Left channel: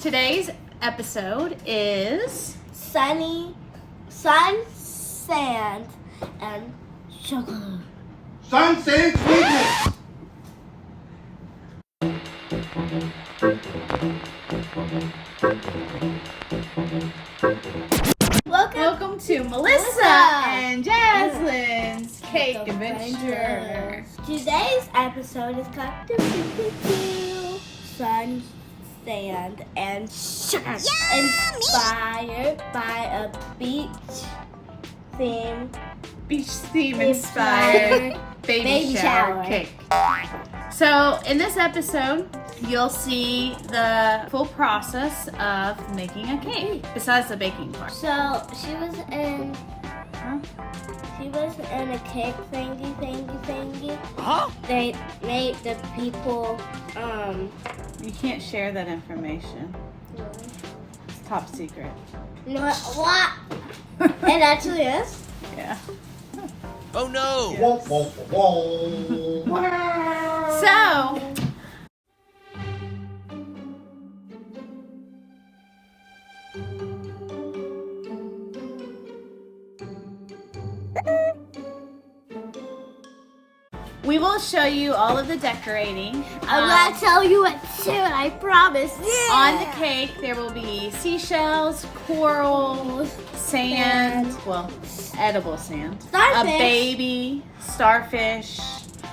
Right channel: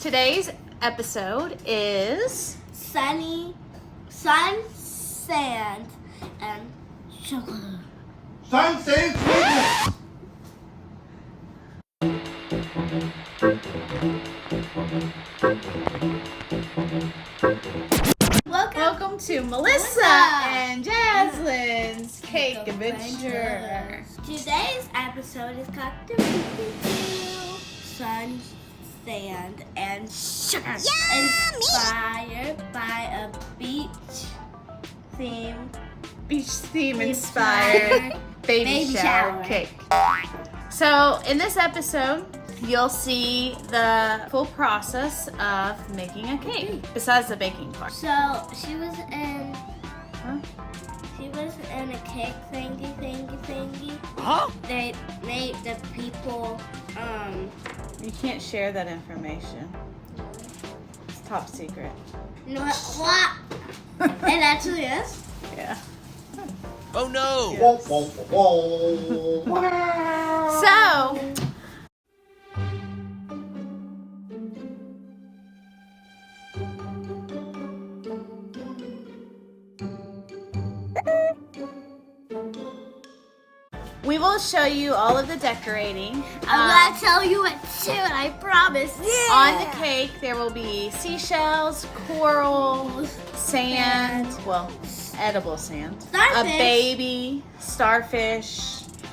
Today's episode is sun, sand, and sugar. Sun, sand, sugar. Welcome to Melissa and Jazlynn's Cake Adventure. Today's episode is called Sun, Sand, and Sugar. Inspired by a beach theme inspired baby shower cake. So in this episode, you'll see the full process of making a cake, besides the baking part. So she was in a cake thingy. Huh? They made the people You can't share that information. It's top secret. you know what? It actually is. Yeah. Oh no! Whoa, whoa, whoa. So we will show you all of the decorating. I'm gonna tell you it soon, I promise. On the cake, there will be seashells, coral, sand, well, edible sand, Starfish. a baby, starfish.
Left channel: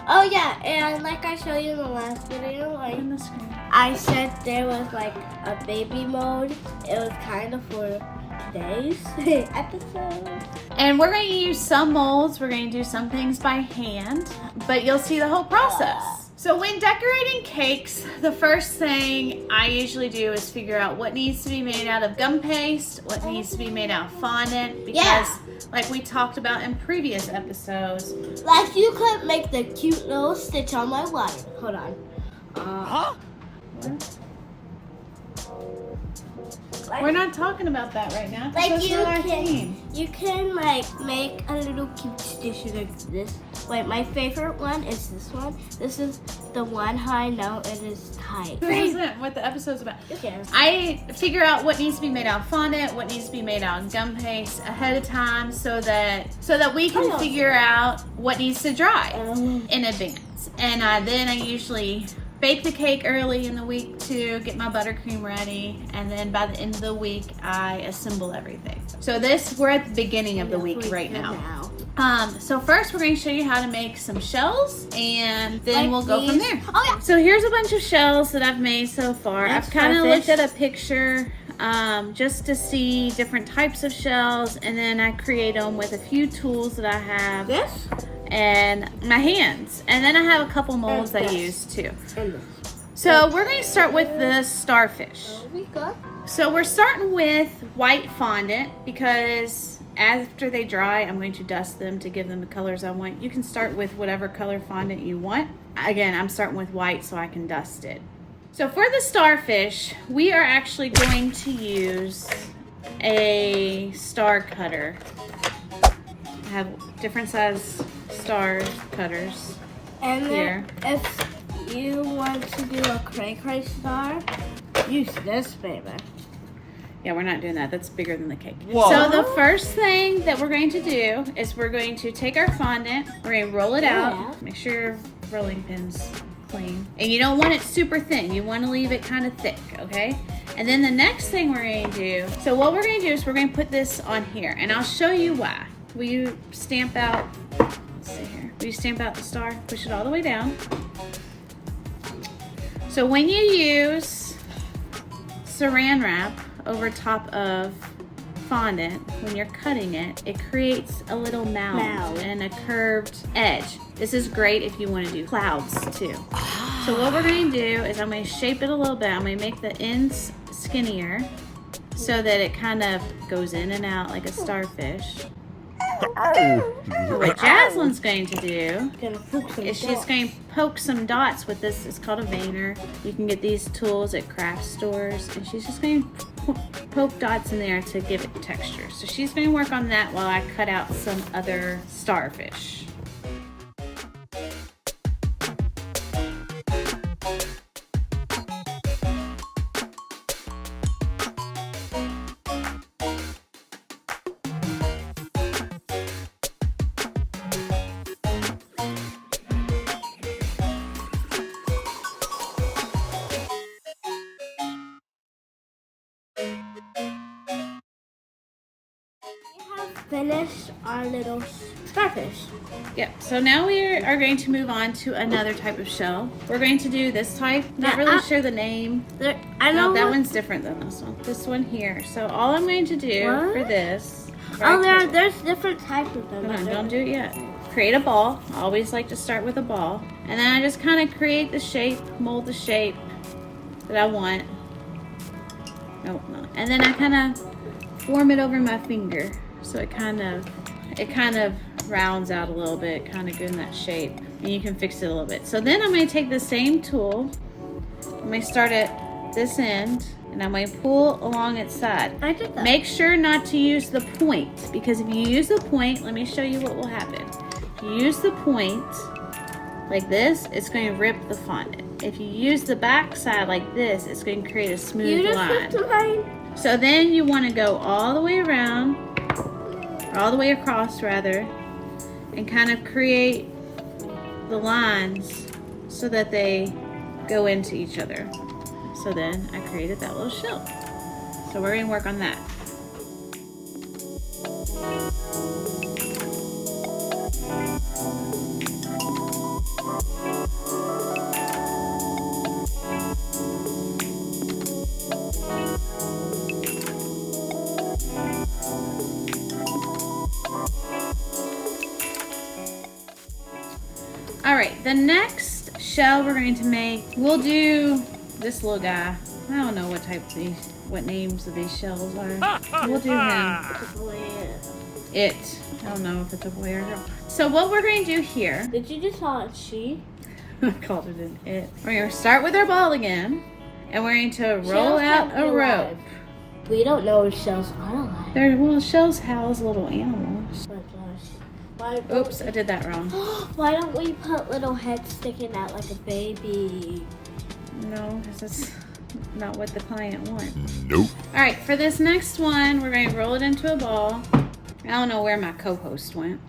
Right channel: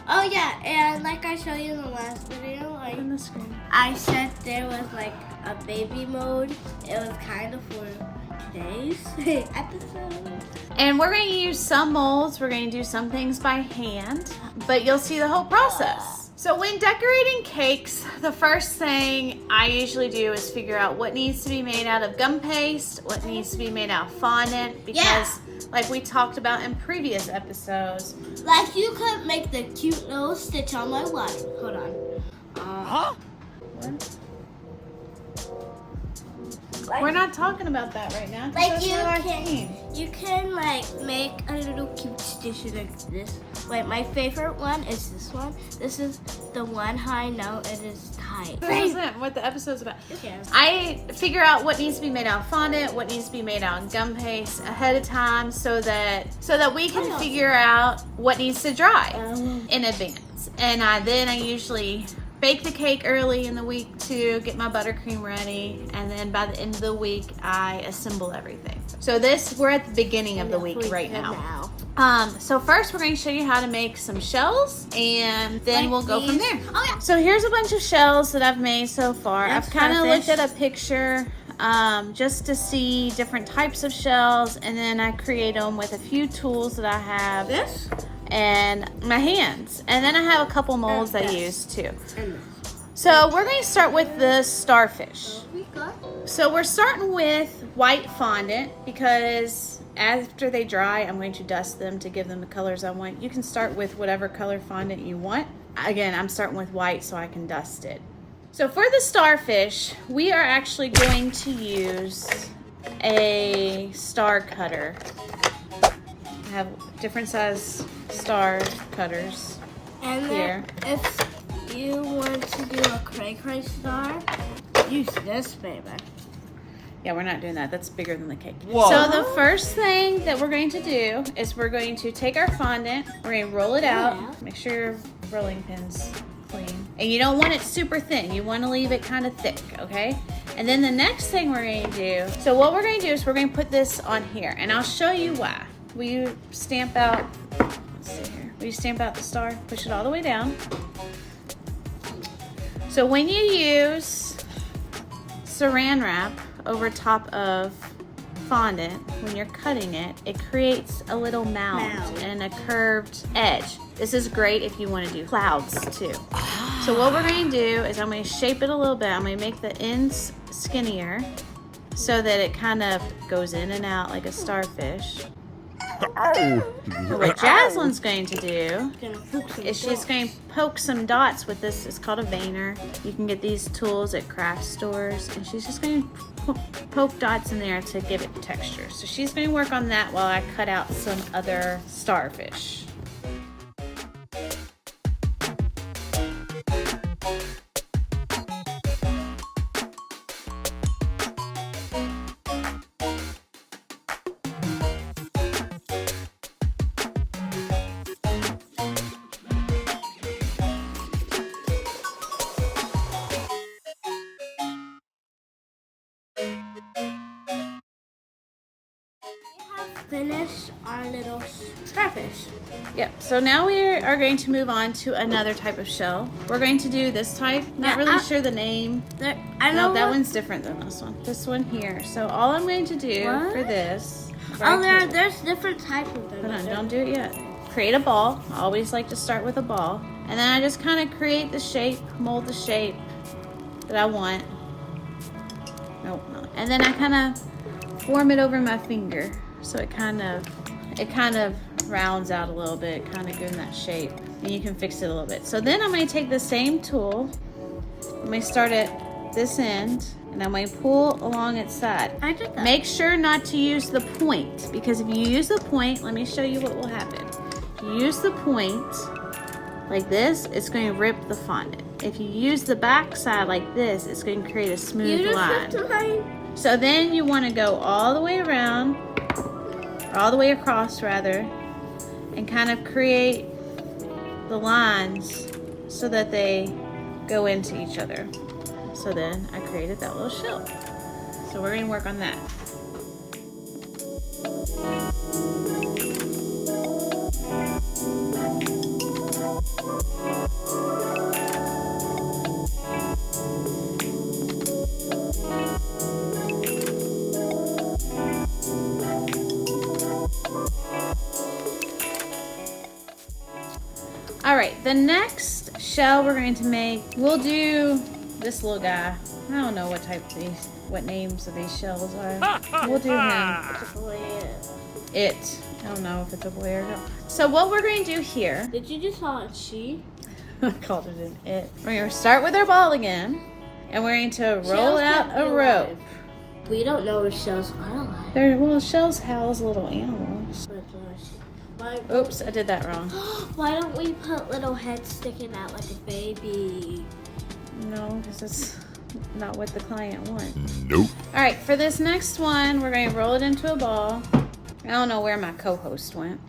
Oh yeah, and like I showed you in the last video, On the screen. I said there was like a baby mode. It was kind of for today's episode. And we're going to use some molds. We're going to do some things by hand, but you'll see the whole process. So when decorating cakes, the first thing I usually do is figure out what needs to be made out of gum paste, what needs to be made out of fondant, because like we talked about in previous episodes. Like you could make the cute little stitch on my watch. Hold on. Huh? We're not talking about that right now. Like That's you not our can, team. you can like make a little cute stitch like this. Wait, my favorite one is this one. This is the one how I know it is tight. This isn't what the episode's about. Okay. I figure out what needs to be made out of fondant, what needs to be made out of gum paste ahead of time, so that we can figure out what needs to dry in advance. And then I usually bake the cake early in the week to get my buttercream ready, and then by the end of the week I assemble everything. So we're at the beginning of the week right now. So first we're going to show you how to make some shells, and then we'll go from there. Oh yeah. So here's a bunch of shells that I've made so far. That's I've kind of looked starfish. at a picture just to see different types of shells, and then I create them with a few tools that I have This and my hands. And then I have a couple molds I this. use too. and this. So we're going to start with the starfish. There we go. So we're starting with white fondant because after they dry, I'm going to dust them to give them the colors I want. You can start with whatever color fondant you want. Again, I'm starting with white so I can dust it. So for the starfish, we are actually going to use a star cutter. I have different size star cutters. And Here. then if you want to do a cray star, use this, baby. Yeah, we're not doing that. That's bigger than the cake. Whoa. So the first thing that we're going to do is we're going to take our fondant, we're going to roll it out. Make sure your rolling pin's clean. And you don't want it super thin. You want to leave it kind of thick, okay? And then the next thing we're going to do, so what we're going to do is we're going to put this on here, and I'll show you why. Will you stamp out, let's see here. Will you stamp out the star? Push it all the way down. So when you use saran wrap over top of fondant, when you're cutting it, it creates a little mound and a curved edge. This is great if you want to do clouds too. So what we're going to do is I'm going to shape it a little bit. I'm going to make the ends skinnier so that it kind of goes in and out like a starfish. What Jazlynn's going to do is she's going to poke some dots with this. It's called a veiner. You can get these tools at craft stores, and she's just going to poke dots in there to give it texture. So she's going to work on that while I cut out some other starfish. finish our little starfish. Yep, so now we are going to move on to another type of shell. We're going to do this type. Not really sure the name. I know that one's different than this one. This one here. So all I'm going to do for this. There's different types of them. Hold on, don't do it yet. Create a ball. I always like to start with a ball. And then I just kind of create the shape, mold the shape that I want. Nope, no. And then I kind of form it over my finger. So it kind of rounds out a little bit, kind of good in that shape. And you can fix it a little bit. So then I'm going to take the same tool. I'm going to start at this end, and I'm going to pull along its side. I did that. Make sure not to use the point, because if you use the point, let me show you what will happen. If you use the point like this, it's going to rip the fondant. If you use the back side like this, it's going to create a smooth line. So then you want to go all the way around, all the way across rather, and kind of create the lines so that they go into each other. So then I created that little shell. So we're going to work on that. All right, the next shell we're going to make, we'll do this little guy. I don't know what names of these shells are. We'll do him. It. I don't know if it's a boy or a girl. So what we're going to do here. Did you just call it she? I called it an it. We're going to start with our ball again, and we're going to roll out a rope. We don't know if shells are alive. Well, shells house little animals. Oops, I did that wrong. Why don't we put little heads sticking out like a baby? No, this is not what the client wants. Nope. All right, for this next one, we're going to roll it into a ball. I don't know where my co-host went.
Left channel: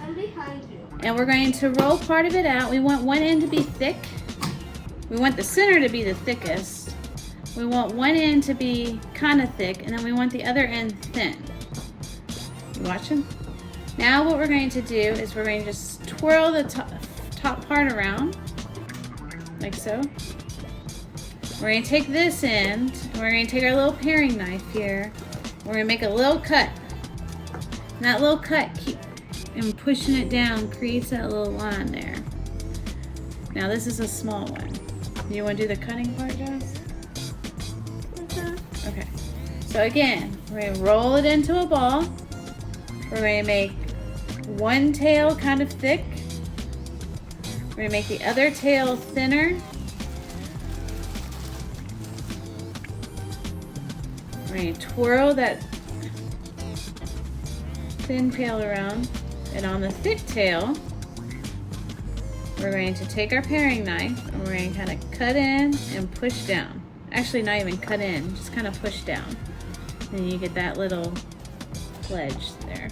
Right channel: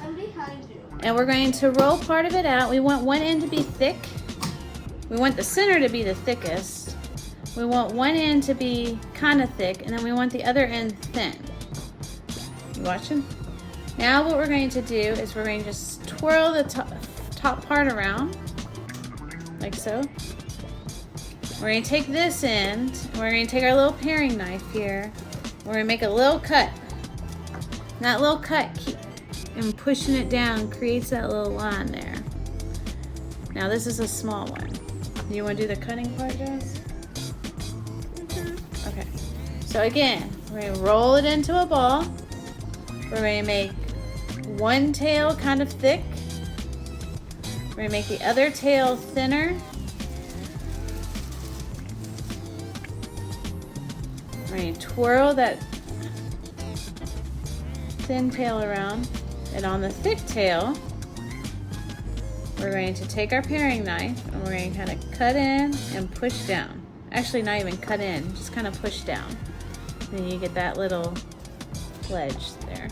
I'm behind you. And we're going to roll part of it out. We want one end to be thick. We want the center to be the thickest. We want one end to be kind of thick, and then we want the other end thin. You watching? Now what we're going to do is we're going to just twirl the top part around, like so. We're going to take this end, and we're going to take our little paring knife here. We're going to make a little cut. And that little cut, and pushing it down creates that little line there. Now this is a small one. You want to do the cutting part, guys? Okay. So again, we're going to roll it into a ball. We're going to make one tail kind of thick. We're going to make the other tail thinner. We're going to twirl that thin tail around. And on the thick tail, we're going to take our paring knife and we're going to kind of cut in and push down. Actually, not even cut in, just kind of push down. And you get that little wedge there.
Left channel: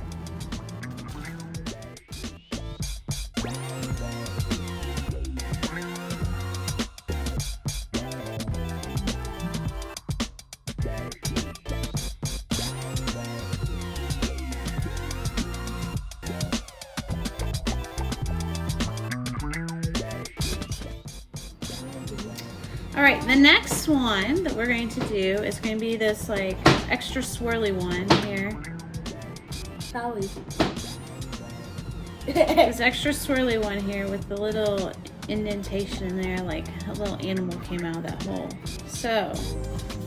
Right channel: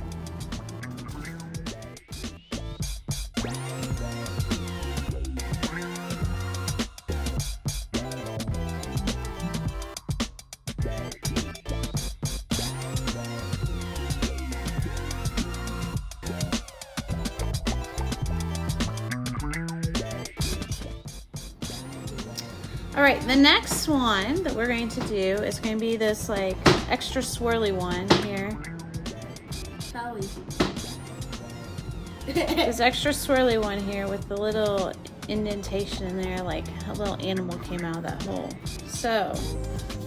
All right, the next one that we're going to do is going to be this like extra swirly one here. Sorry. This extra swirly one here with the little indentation in there, like a little animal came out of that hole. So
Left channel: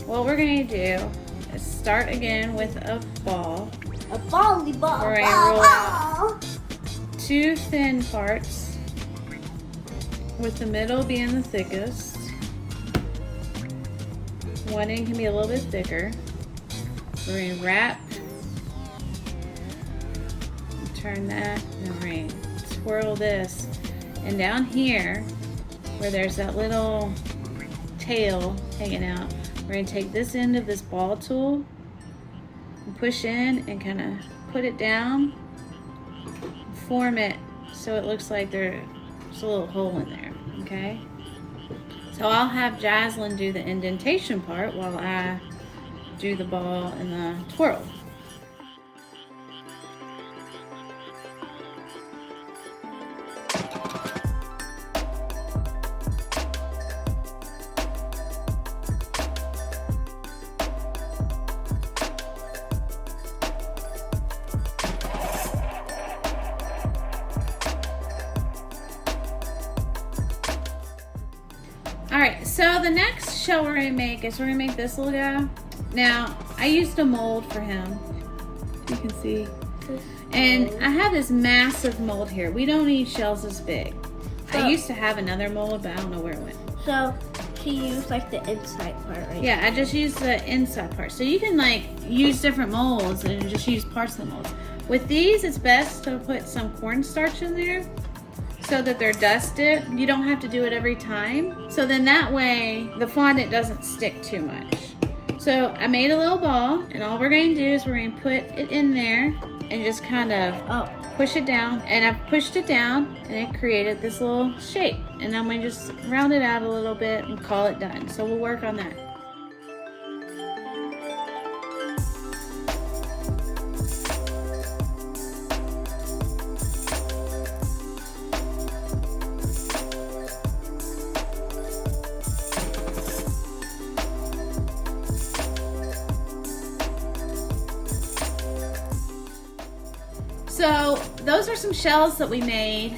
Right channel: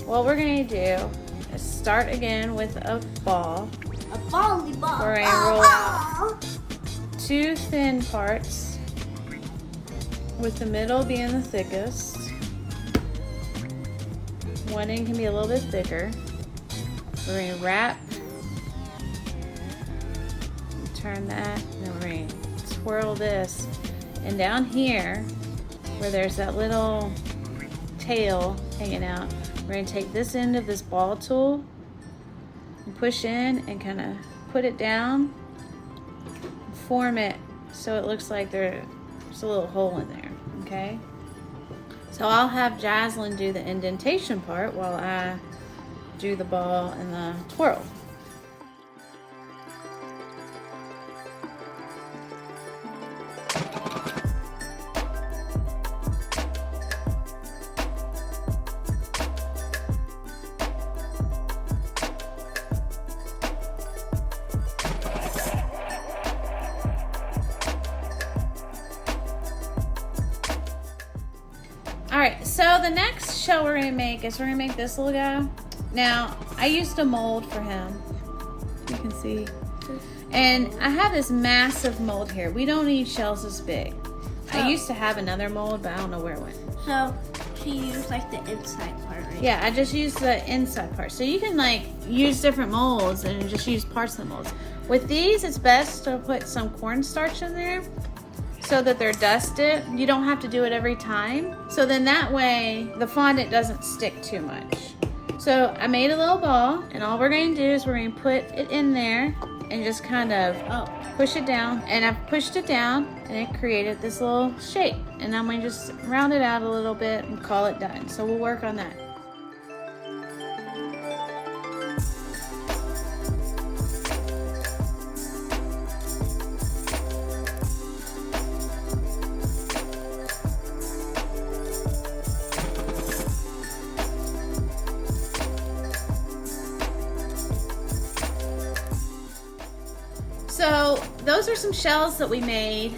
what we're going to do is start again with a ball. A bally ball. We're going to roll out two thin parts with the middle being the thickest. One end can be a little bit thicker. We're going to wrap, turn that, and then we're going to twirl this. And down here, where there's that little tail hanging out, we're going to take this end of this ball tool and push in and kind of put it down, form it so it looks like there's a little hole in there, okay? So I'll have Jazlynn do the indentation part while I do the ball and the twirl. right, so the next shell we're gonna make is we're gonna make this little guy. Now, I used a mold for him. You can see. And I have this massive mold here. We don't need shells this big. I used to have another mold, but I don't know where it went. So, can you use like the inside part, right? Yeah, I just used the inside part. So you can like use different molds and just use parts of the molds. With these, it's best to put some cornstarch in there so that they're dusted. You don't have to do it every time. So then that way, the fondant doesn't stick too much. So I made a little ball, and all we're going to do is we're going to put it in there and just kind of push it down. And I pushed it down, and it created this little shape. And I'm going to just round it out a little bit and call it done. So we'll work on that. So those are some shells that we made.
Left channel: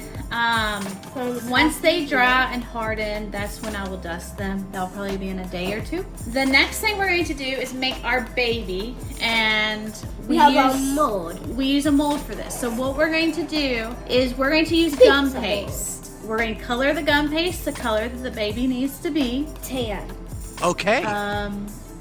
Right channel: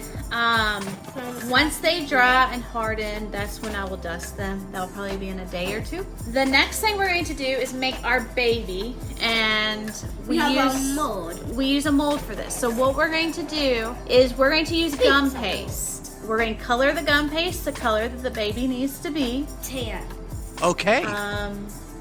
Once they dry and harden, that's when I will dust them. That'll probably be in a day or two. The next thing we're going to do is make our baby, and we have a mold. We use a mold for this. So what we're going to do is we're going to use gum paste. We're going to color the gum paste the color that the baby needs to be. Tan. Okay.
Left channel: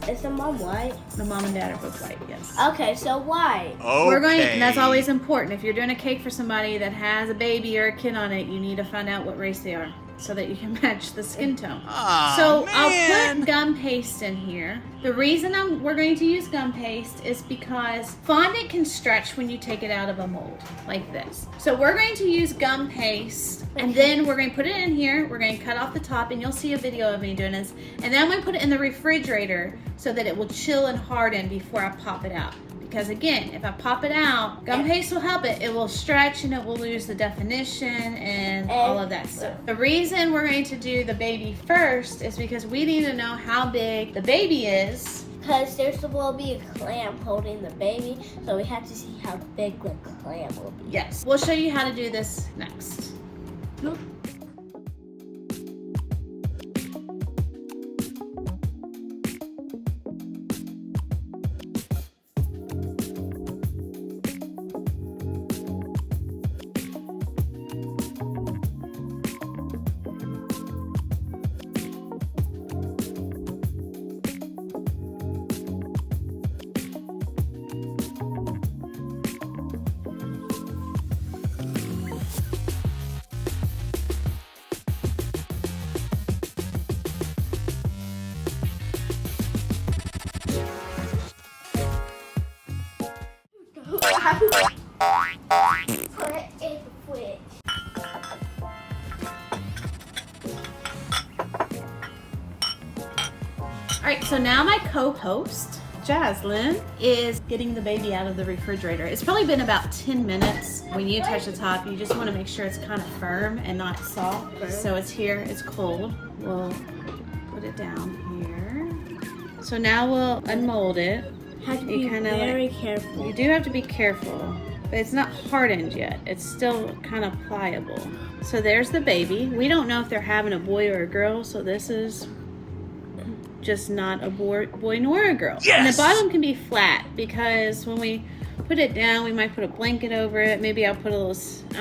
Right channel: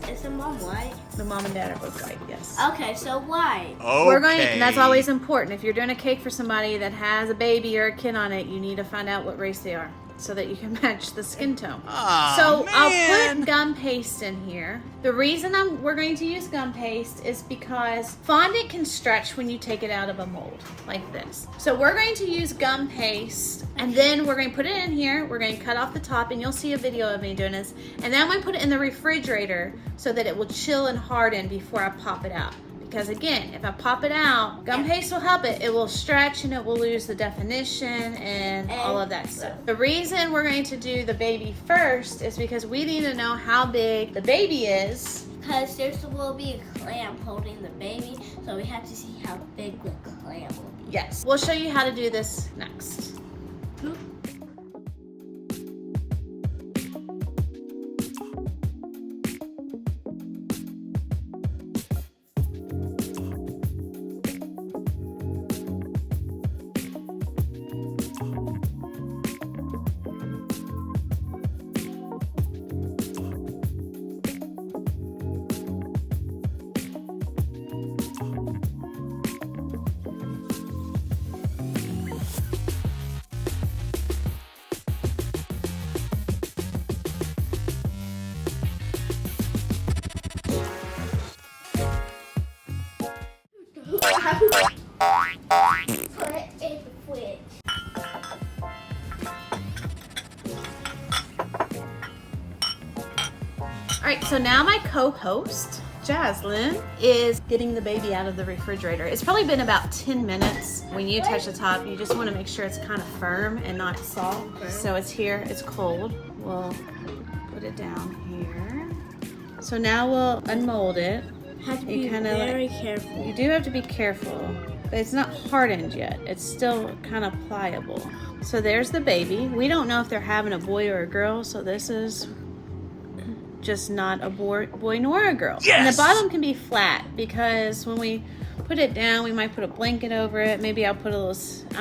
Is the mom white? The mom and dad are both white, yes. Okay, so white. Okay. We're going to, and that's always important. If you're doing a cake for somebody that has a baby or a kid on it, you need to find out what race they are so that you can match the skin tone. Aw, so man. I'll put gum paste in here. The reason we're going to use gum paste is because fondant can stretch when you take it out of a mold like this. So we're going to use gum paste, and then we're going to put it in here. We're going to cut off the top, and you'll see a video of me doing this. And then I'm going to put it in the refrigerator so that it will chill and harden before I pop it out. Because again, if I pop it out, gum paste will help it. It will stretch and it will lose the definition and all of that stuff. The reason we're going to do the baby first is because we need to know how big the baby is. Because there will be a clamp holding the baby, so we have to see how big the clamp will be. Yes. We'll show you how to do this next. Alright, so now my co-host, Jazlynn, is getting the baby out of the refrigerator. It's probably been about 10 minutes. When you touch the top, you just want to make sure it's kind of firm and not soft. So it's here, it's cold. We'll put it down here. So now we'll unmold it. Have to be very careful. You do have to be careful, but it's not hardened yet. It's still kind of pliable. So there's the baby. We don't know if they're having a boy or a girl, so this is just not a boy nor a girl. Yes! And the bottom can be flat because when we put it down, we might put a blanket over it. Maybe I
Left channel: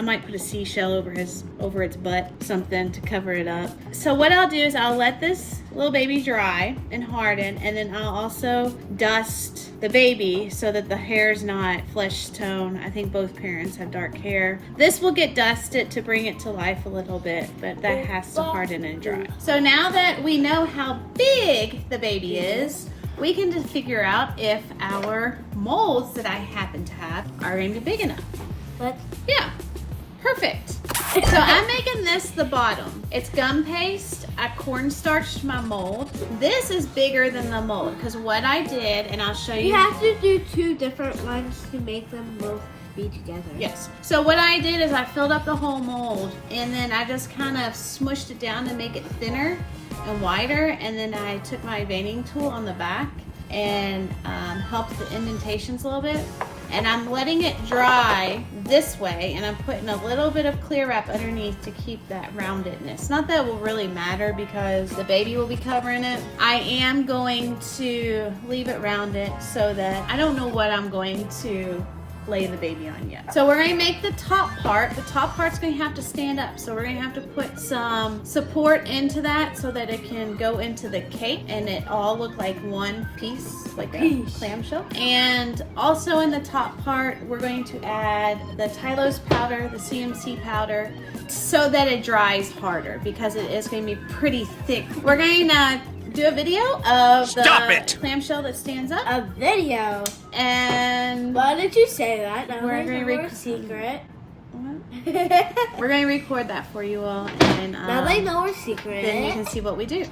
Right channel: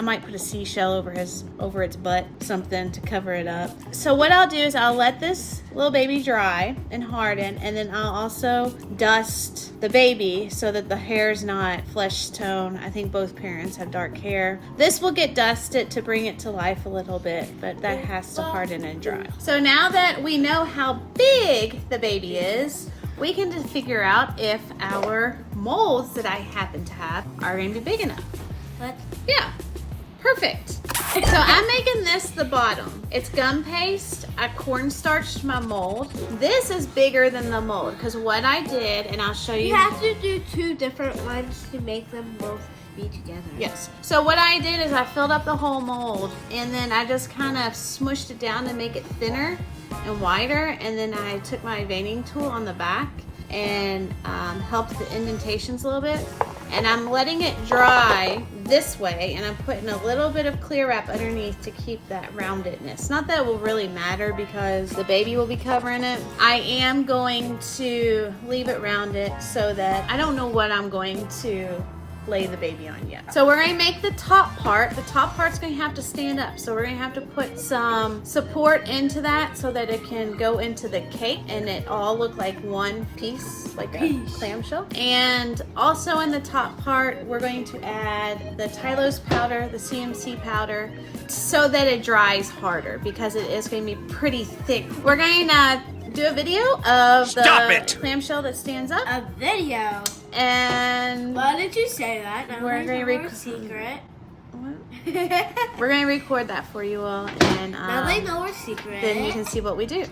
might put a seashell over its butt, something to cover it up. So what I'll do is I'll let this little baby dry and harden, and then I'll also dust the baby so that the hair's not flesh tone. I think both parents have dark hair. This will get dusted to bring it to life a little bit, but that has to harden and dry. So now that we know how big the baby is, we can just figure out if our molds that I happen to have are going to be big enough. What? Yeah, perfect. So I'm making this the bottom. It's gum paste. I cornstarched my mold. This is bigger than the mold because what I did, and I'll show you. You have to do two different ones to make them both be together. Yes. So what I did is I filled up the whole mold, and then I just kind of smushed it down to make it thinner and wider, and then I took my veining tool on the back and helped the indentations a little bit, And I'm letting it dry this way, and I'm putting a little bit of clear wrap underneath to keep that roundedness. Not that it will really matter because the baby will be covering it. I am going to leave it rounded so that I don't know what I'm going to lay the baby on yet. So we're going to make the top part. The top part's going to have to stand up. So we're going to have to put some support into that so that it can go into the cake and it all look like one piece, like a clamshell. And also in the top part, we're going to add the Tylo's powder, the CMC powder, so that it dries harder because it is going to be pretty thick. We're going to do a video of the clamshell that stands up. A video? And why did you say that? Now we're going to record secret. We're going to record that for you all. And now they know our secret. Then you can see what we do.